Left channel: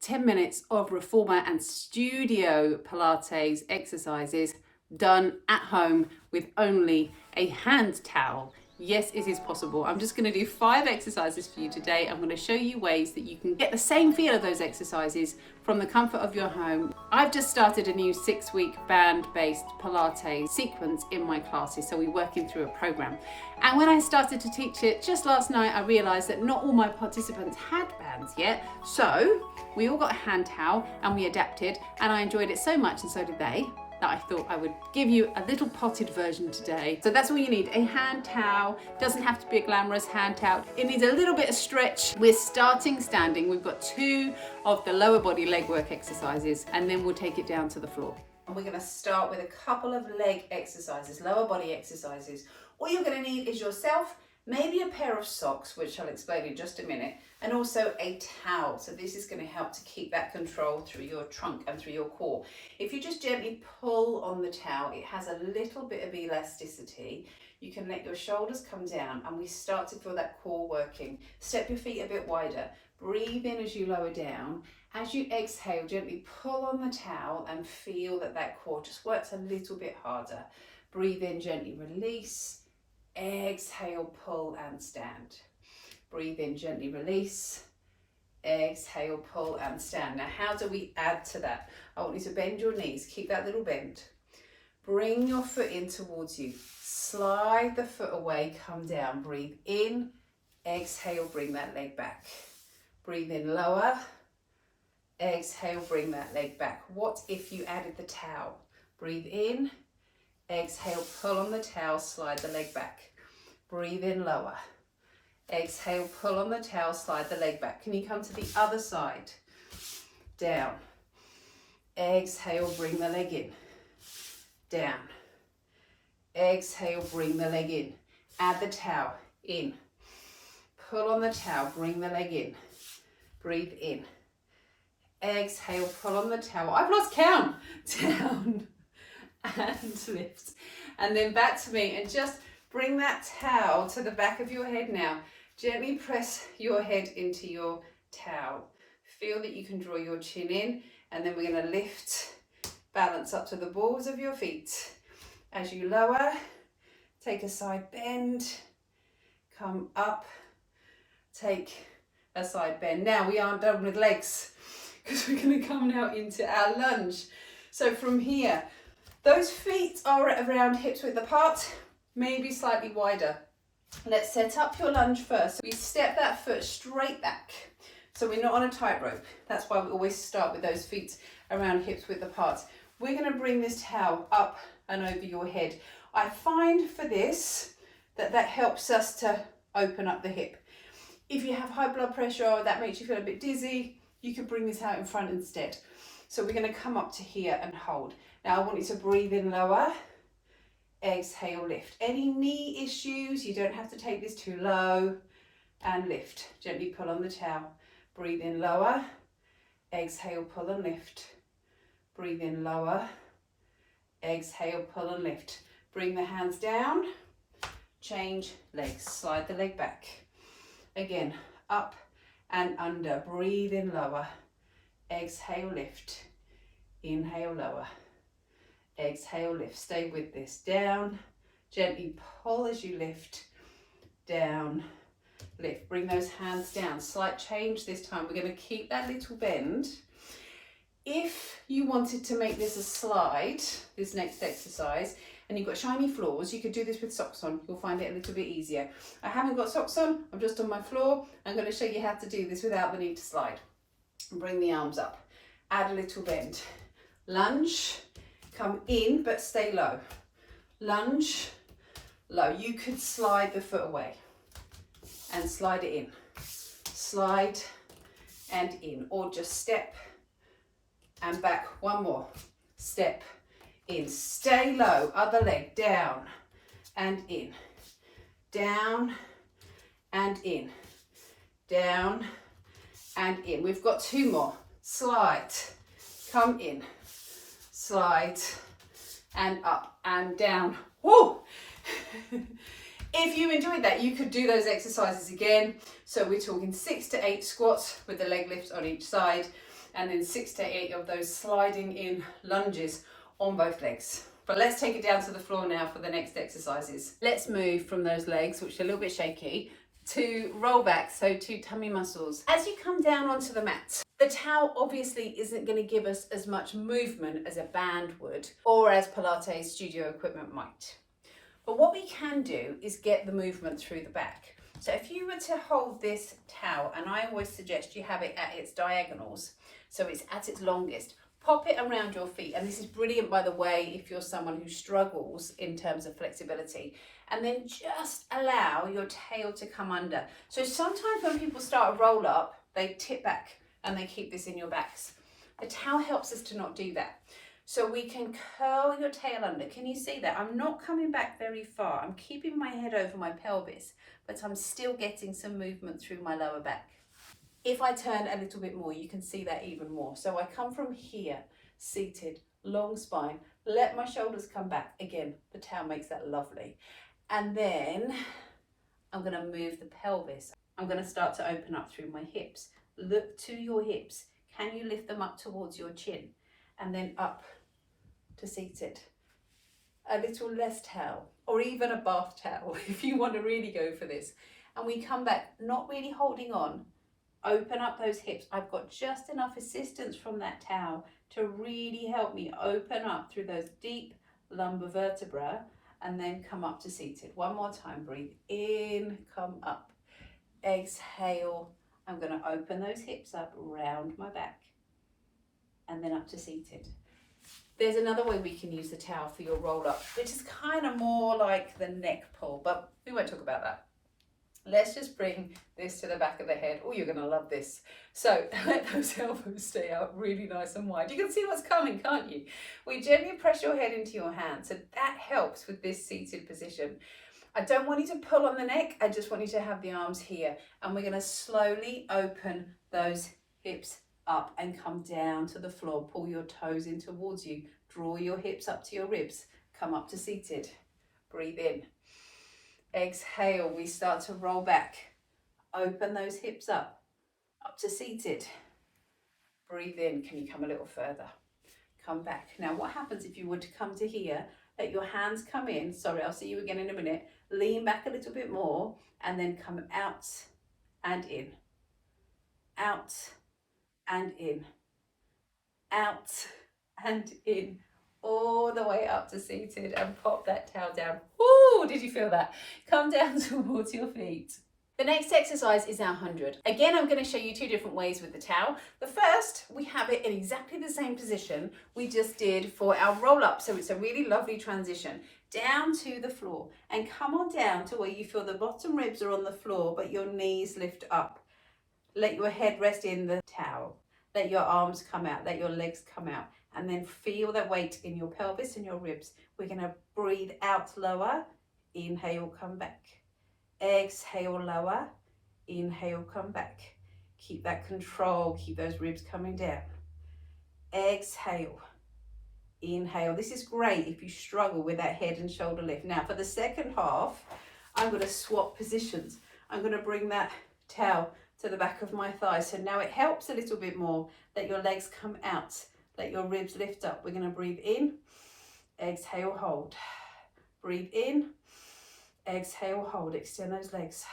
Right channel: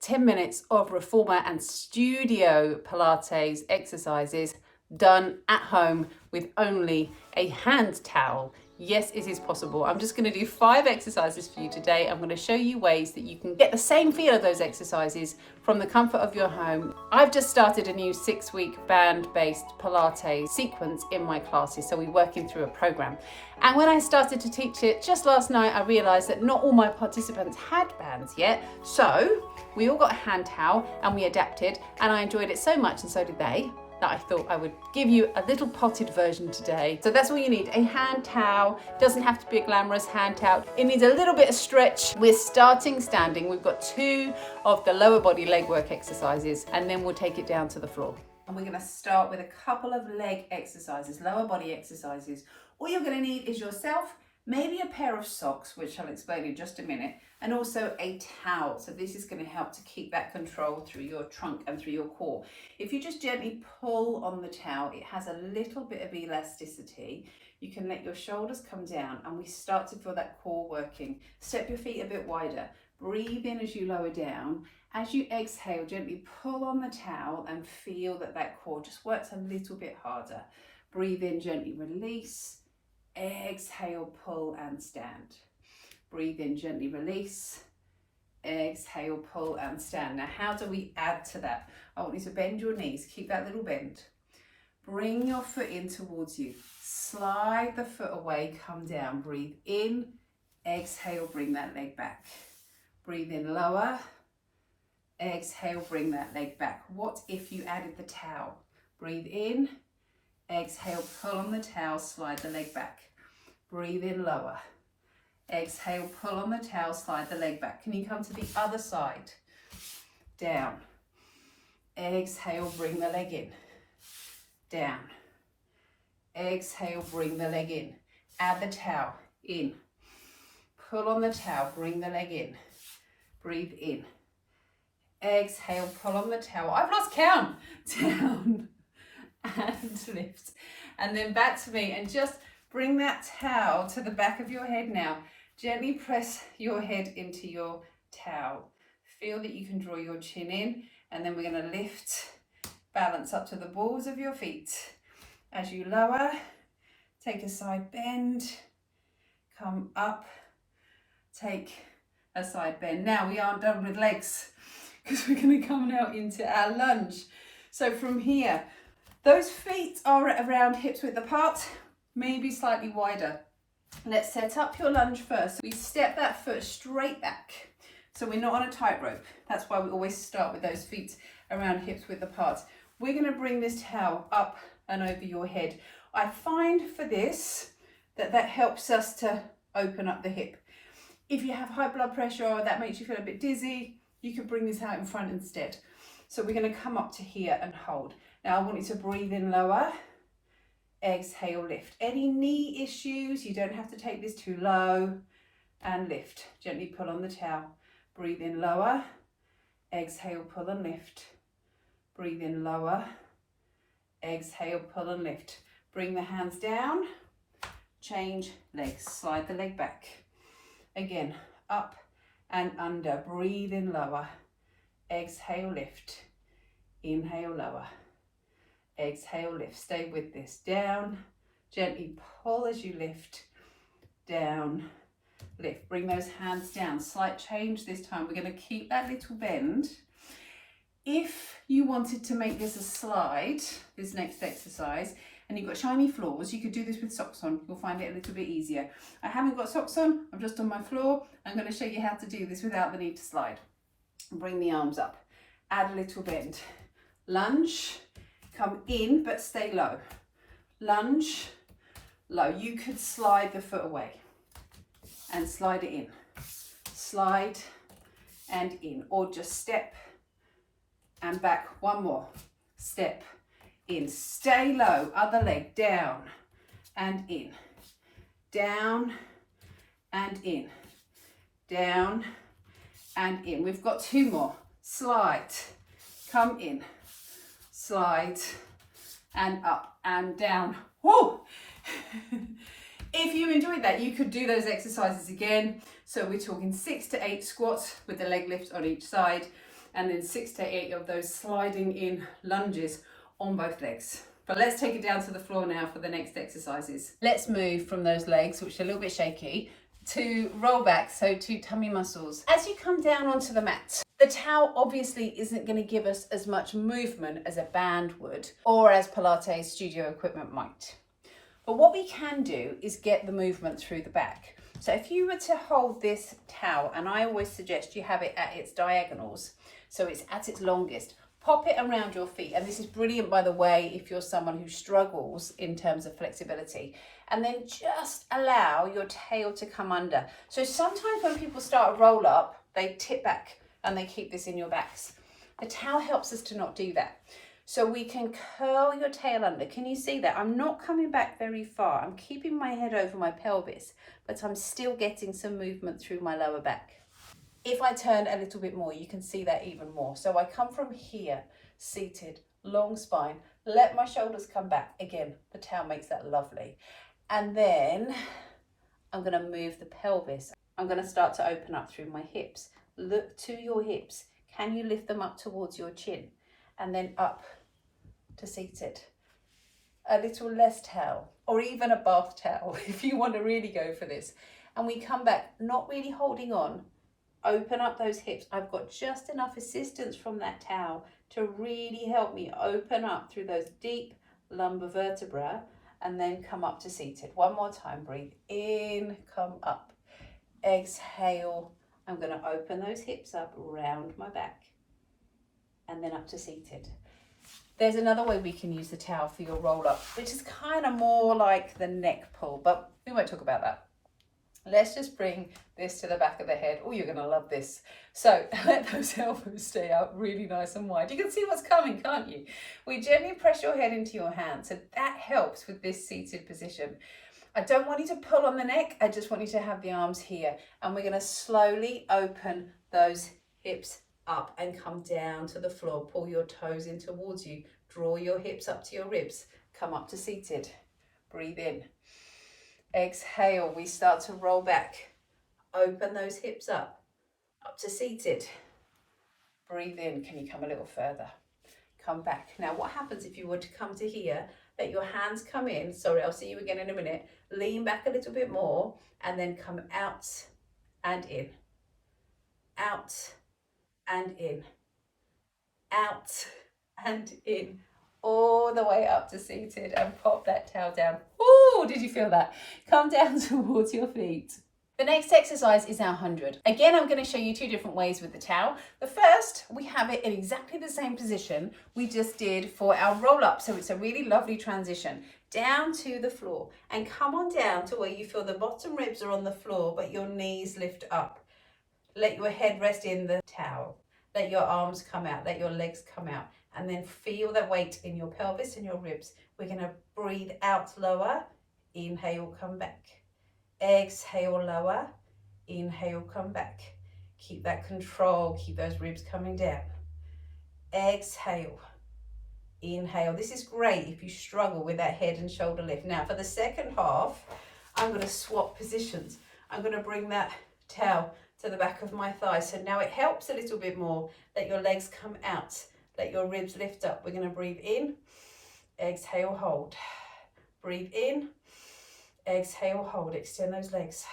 10 minutes of Reformer and Studio Pilates exercises done at home with only a hand towel. Yes, it is possible. I'm just going to do 5 exercises for you today. I'm going to show you ways that you can get the same feel of those exercises from the comfort of your home. I've just started a new 6-week band-based Pilates sequence in my classes, so we're working through a program. And when I started to teach it just last night, I realized that not all my participants had bands yet. So we all got a hand towel and we adapted, and I enjoyed it so much, and so did they, that I thought I would give you a little potted version today. So that's all you need, a hand towel. Doesn't have to be a glamorous hand towel. It needs a little bit of stretch. We're starting standing. We've got 2 of the lower body leg work exercises, and then we'll take it down to the floor. And we're gonna start with a couple of leg exercises, lower body exercises. All you're gonna need is yourself, maybe a pair of socks, which I'll explain in just a minute, and also a towel. So this is going to help to keep that control through your trunk and through your core. If you just gently pull on the towel, it has a little bit of elasticity. You can let your shoulders come down, and we start to feel that core working. Step your feet a bit wider. Breathe in as you lower down. As you exhale, gently pull on the towel and feel that that core just works a little bit harder. Breathe in, gently release. Exhale, pull and stand. Breathe in, gently release. Exhale, pull and stand. Now, how do we add to that? I want you to bend your knees. Keep that little bend. Bring your foot in towards you. Slide the foot away, come down. Breathe in. Exhale, bring that leg back. Breathe in, lower. Exhale, bring that leg back. What if you added the towel? Breathe in. Exhale, pull on the towel, slide the leg back. Breathe in, lower. Exhale, pull on the towel, slide the leg back. Can you come to the other side? Down. Exhale, bring the leg in. Down. Exhale, bring the leg in. Add the towel, in. Pull on the towel, bring the leg in. Breathe in. Exhale, pull on the towel. I've lost count. Down. And lift, and then back to me, and just bring that towel to the back of your head now. Gently press your head into your towel. Feel that you can draw your chin in, and then we're going to lift, balance up to the balls of your feet. As you lower, take a side bend, come up, take a side bend. Now we aren't done with legs, because we're going to come now into our lunge. So from here, those feet are at around hips width apart, maybe slightly wider. Let's set up your lunge first. We step that foot straight back, so we're not on a tightrope. That's why we always start with those feet around hips width apart. We're going to bring this towel up and over your head. I find for this that helps us to open up the hip. If you have high blood pressure or that makes you feel a bit dizzy, you can bring this out in front instead. So we're going to come up to here and hold. Now I want you to breathe in, lower. Exhale, lift. Any knee issues, you don't have to take this too low, and lift. Gently pull on the towel. Breathe in, lower. Exhale, pull and lift. Breathe in, lower. Exhale, pull and lift. Bring the hands down. Change legs. Slide the leg back. Again, up and under. Breathe in, lower. Exhale, lift. Inhale, lower. Exhale, lift. Stay with this. Down. Gently pull as you lift. Down. Lift. Bring those hands down. Slight change this time. We're going to keep that little bend. If you wanted to make this a slide, this next exercise, and you've got shiny floors, you could do this with socks on. You'll find it a little bit easier. I haven't got socks on. I'm just on my floor. I'm going to show you how to do this without the need to slide. Bring the arms up. Add a little bend. Lunge. Come in, but stay low. Lunge, low. You could slide the foot away and slide it in. Slide and in, or just step and back. One more. Step in. Stay low. Other leg down and in. Down and in. Down and in. We've got 2 more. Slide. Come in. Slide and up and down. Woo! If you enjoyed that, you could do those exercises again. So we're talking 6 to 8 squats with the leg lift on each side. and then 6 to 8 of those sliding in lunges on both legs. But let's take it down to the floor now for the next exercises. Let's move from those legs, which are a little bit shaky, to roll back, so to tummy muscles. As you come down onto the mat, the towel obviously isn't going to give us as much movement as a band would, or as Pilates studio equipment might. But what we can do is get the movement through the back. So if you were to hold this towel, and I always suggest you have it at its diagonals, so it's at its longest, pop it around your feet. And this is brilliant, by the way, if you're someone who struggles in terms of flexibility. And then just allow your tail to come under. So sometimes when people start a roll up, they tip back and they keep this in your backs. The towel helps us to not do that. So we can curl your tail under. Can you see that? I'm not coming back very far. I'm keeping my head over my pelvis, but I'm still getting some movement through my lower back. If I turn a little bit more, you can see that even more. So I come from here, seated, long spine, let my shoulders come back. Again, the towel makes that lovely. And then I'm going to move the pelvis. I'm going to start to open up through my hips. Look to your hips. Can you lift them up towards your chin? And then up to seated. A little less towel, or even a bath towel if you want to really go for this. And we come back, not really holding on. Open up those hips. I've got just enough assistance from that towel to really help me open up through those deep lumbar vertebra, and then come up to seated. One more time, breathe in, come up. Exhale, I'm going to open those hips up, round my back, and then up to seated. There's another way we can use the towel for your roll up, which is kind of more like the neck pull, but we won't talk about that. Let's just bring this to the back of the head. Oh, you're going to love this. So let those elbows stay out really nice and wide. You can see what's coming, can't you? We gently press your head into your hand. So that helps with this seated position. I don't want you to pull on the neck. I just want you to have the arms here. And we're going to slowly open those hips up and come down to the floor. Pull your toes in towards you. Draw your hips up to your ribs. Come up to seated. Breathe in. Exhale, we start to roll back. Open those hips up to seated. Breathe in. Can you come a little further? Come back. Now, what happens if you were to come to here? Let your hands come in. Sorry, I'll see you again in a minute. Lean back a little bit more and then come out and in. Out and in. Out and in. All the way up to seated, and pop that towel down. Ooh, did you feel that? Come down towards your feet. The next exercise is our 100. Again, I'm going to show you 2 different ways with the towel. The first, we have it in exactly the same position we just did for our roll up. So it's a really lovely transition. Down to the floor, and come on down to where you feel the bottom ribs are on the floor, but your knees lift up. Let your head rest in the towel. Let your arms come out, let your legs come out. And then feel that weight in your pelvis and your ribs. We're going to breathe out lower. Inhale, come back. Exhale, lower. Inhale, come back. Keep that control. Keep those ribs coming down. Exhale. Inhale. This is great if you struggle with that head and shoulder lift. Now, for the second half, I'm going to swap positions. I'm going to bring that towel to the back of my thigh. So now it helps a little bit more. Let your legs come out. Let your ribs lift up. We're going to breathe in, exhale, hold. Breathe in, exhale, hold. Extend those legs.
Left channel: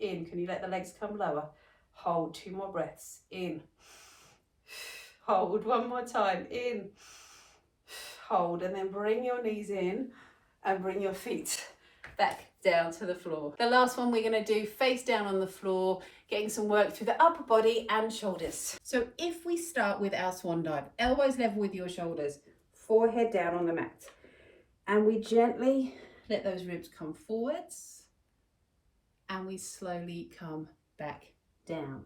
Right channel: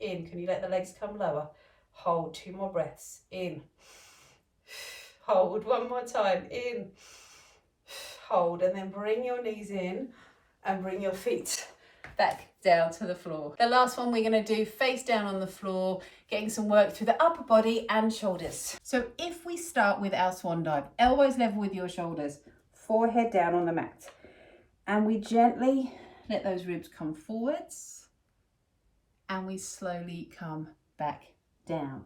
In. Can you let the legs come lower? Hold. 2 more breaths. In. Hold. 1 more time. In. Hold. And then bring your knees in and bring your feet back down to the floor. The last one we're going to do face down on the floor, getting some work through the upper body and shoulders. So if we start with our swan dive, elbows level with your shoulders, forehead down on the mat, and we gently let those ribs come forwards, and we slowly come back down.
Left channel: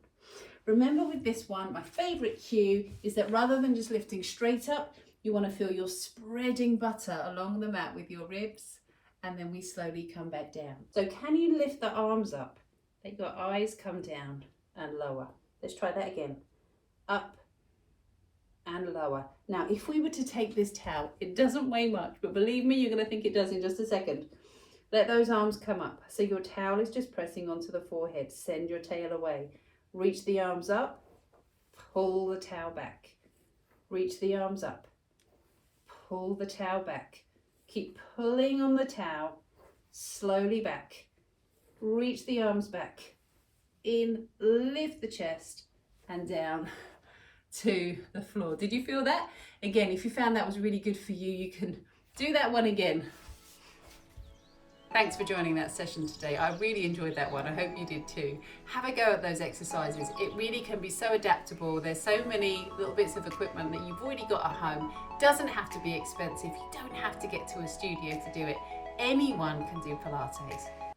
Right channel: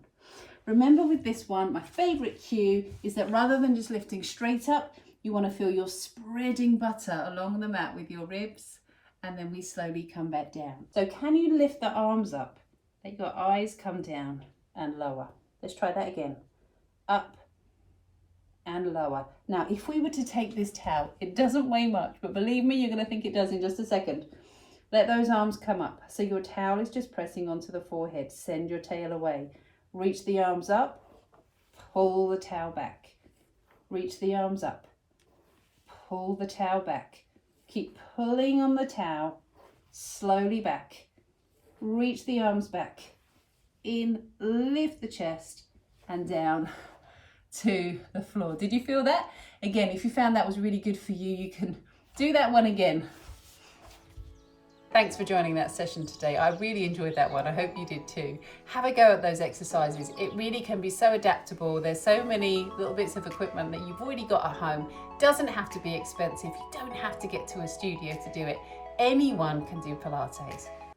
Remember with this one, my favorite cue is that rather than just lifting straight up, you want to feel you're spreading butter along the mat with your ribs, and then we slowly come back down. So can you lift the arms up? Let your eyes come down and lower. Let's try that again. Up and lower. Now, if we were to take this towel, it doesn't weigh much, but believe me, you're going to think it does in just a second. Let those arms come up. So your towel is just pressing onto the forehead. Send your tail away. Reach the arms up. pull the towel back, reach the arms up, pull the towel back, keep pulling on the towel, slowly back, reach the arms back, in, lift the chest, and down to the floor. Did you feel that? Again, if you found that was really good for you, you can do that one again. Thanks for joining that session today. I really enjoyed that one. I hope you did too. Have a go at those exercises. It really can be so adaptable. There's so many little bits of equipment that you've already got at home. Doesn't have to be expensive. You don't have to get to a studio to do it. Anyone can do Pilates.